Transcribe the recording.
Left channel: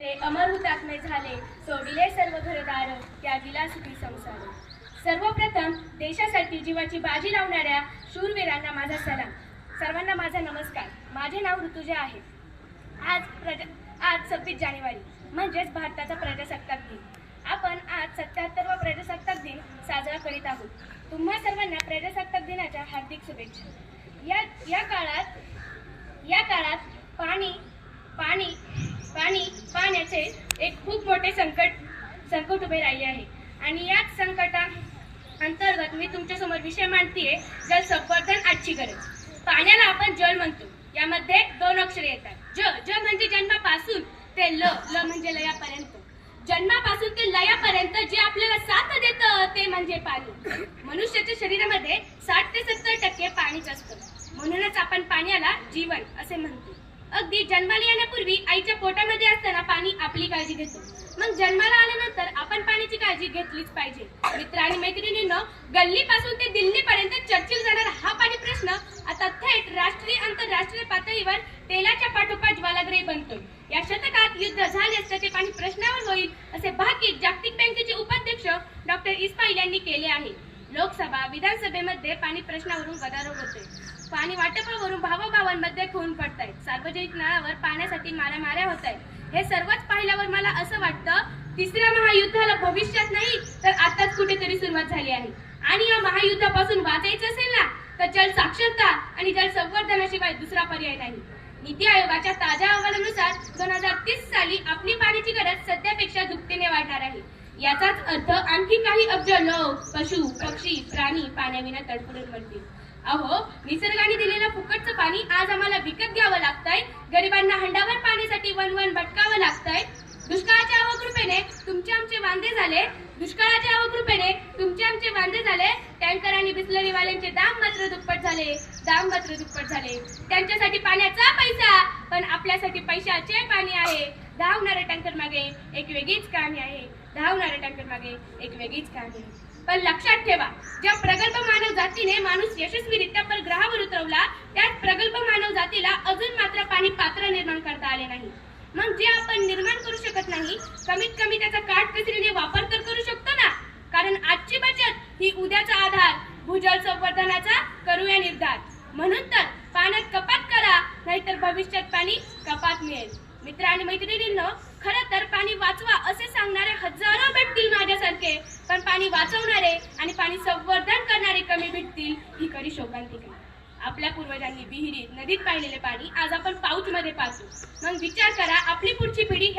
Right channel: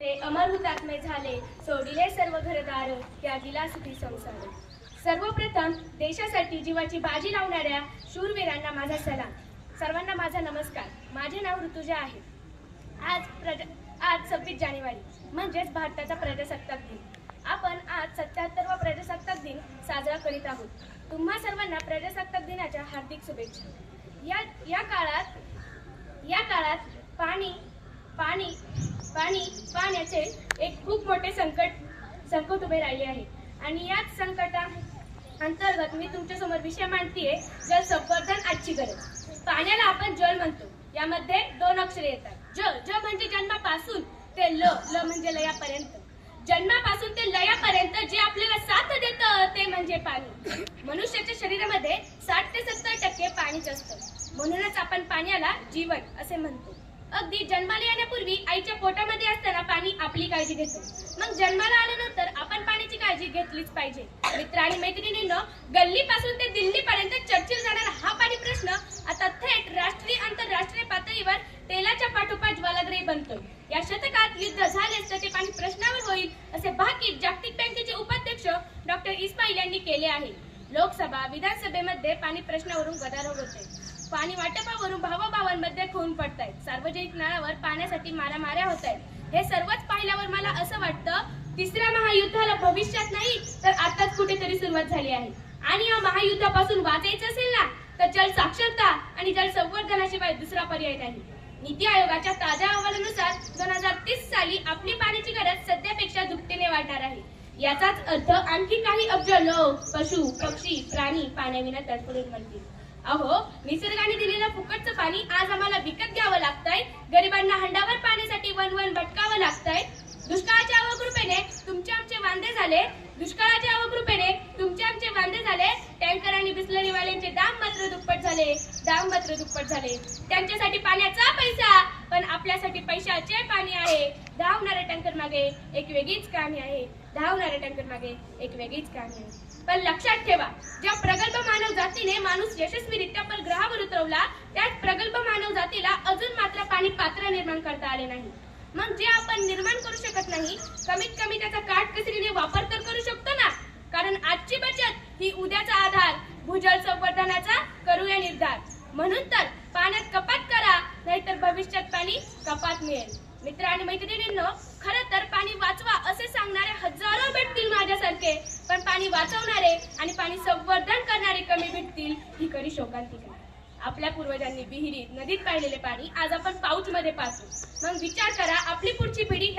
ते अमर हुतात्मे झाले, सोडिले सर्व घरदार, त्यागिला सुखी संसार. सर्वप्रथम देशासाठी जीवाची बाजी लावणाऱ्या शूरवीरांना माझा सलाम. सर्वांना माझा नमस्कार. माझे नाव ऋतुजा आहे. आज 26 जानेवारी म्हणजेच भारताचा प्रजासत्ताक दिन. आपण आज 77वा प्रजासत्ताक दिन साजरा करीत आहोत. तुम्हा सर्वांना प्रजासत्ताक दिनाच्या हार्दिक शुभेच्छा. या काळात पाण्याचे एक खूप मोठे संकट उभे राहिले आहे आणि याच संकटा अंतर्गत मी तुमच्यासमोर विषय मांडतीये, जल संवर्धन आजची गरज. पाण्याला आपण जल म्हणतो. यामध्ये 2 अक्षरे येतात. ज म्हणजे जन्मापासून ते ल म्हणजे लयापर्यंत. जन्मापासून ते लयापर्यंत जे आपल्याला साथ देतं ते म्हणजे पाणी. मनुष्याच्या शरीरामध्ये 60 ते 70% पाणीच असतं. म्हणूनच आपण पाण्याला जीवन असे म्हणतो. अगदी जन्माला येण्यापूर्वी आईच्या पोटामध्ये असताना पाणी आपली काळजी घेतो. मग जन्माला आल्यानंतर आपण पाण्याची काळजी घेतलीच पाहिजे. मित्र आणि मैत्रिणींनो, गल्लीपासून ते दिल्लीपर्यंत चर्चेला जाणारा हा पाणी प्रश्न आता थेट राष्ट्रीय आंतरराष्ट्रीय पातळीवर तेलाच्या पाठोपाठ ज्वालाग्रही बनतोय. या शतकात युद्ध झाल्यास त्याचे पाणी प्रश्नावर होईल असे भाकीत जागतिक बँकेचे उपाध्यक्ष डॉक्टर इस्माईल यांनी केले आहे. लोकसभा विधानसभेमध्ये पाणी प्रश्नावरून गदारोळ होते. पाणी वाटपावरून भावाभावांमध्ये खून पडतायत. सार्वजनिक नळावर पाण्यासाठी मारामाऱ्या होत आहेत. हे सर्वच पाहिल्यावर मला असं वाटतं, तिसऱ्या महायुद्धाला भविष्यात नाही तर आताच कुठेतरी सुरुवात झाली आहे. आणि या महायुद्धापासून वाचायचं असेल ना तर जल साक्षरता आणि जल संवर्धनाशिवाय दुसरा पर्याय नाही. नीती आयोगाच्या ताज्या अहवालानुसार 2030 साली आपली पाण्याची गरज सध्यापेक्षा दुपटीने वाढणार आहे. याचाच अर्थ आणखी काही अब्ज लोक, पशु, पक्षी, प्राणी पाण्याविना तडफडून मरतील. अहो, निसर्गाने दिलेलं फुकटचं पाणी आज आम्हाला विकत घ्यावं लागतंय. गरिबांना हंडावर पाण्यासाठी वन भटकावं लागतंय. दुष्काळाच्या अवकृपेने तुमचे आमचे वांदे झाले. टँकर आणि बिस्लरीवाल्यांचे दाम मात्र दुप्पट झाले. त्यांच्यासाठी पाण्याचा पैसा, पण आपल्यासाठी पैशाचे पाणी आहे. धावणाऱ्या टँकर मागे एक वेगळीच कहाणी आहे. पण लक्षात ठेवा, ज्या प्रगल्भ मानव जातीने माणूस यशस्वीरित्या परग्रहावर उतरवला, त्याच प्रगल्भ मानव जातीला अजून मात्र पाणी पात्र निर्माण करता आले नाही. मग जे आपण निर्माण करू शकत नाही, कमीत कमी त्याचा काटकसरीने वापर तर करू शकतो ना. कारण आजची बचत ही उद्याचा आधार. भूजल संवर्धनाचा करूया निर्धार. म्हणून तर पाण्यात कपात करा, नाहीतर भविष्यात पाणी कपात मिळेल. मित्र आणि मैत्रिणींनो, खरं तर पाणी वाचवा असे सांगणारे हजारो भेटतील माझ्यासारखे, पण पाणी वाचवणारे आणि पाणी संवर्धन करणारे कमी भेटतील ही खरी शोकांतिका. आपल्या पूर्वजांनी विहिरीत, नदीत पाहिलेले पाणी आज आपण पाऊच मध्ये पाहतो. मग विचार करा, आपली पुढची पिढी